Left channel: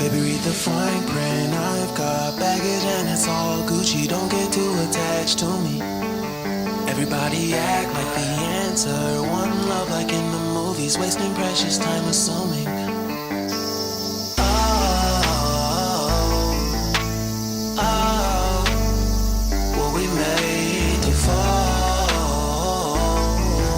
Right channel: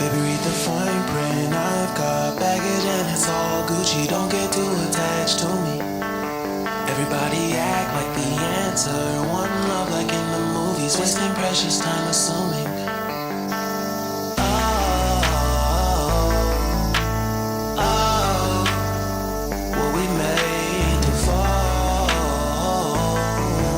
Baby, read the fine print. I've got baggage and it's all Gucci. Don't get too attached to me. Everybody act like the answer. One love like in the movies. Wasting precious time assuming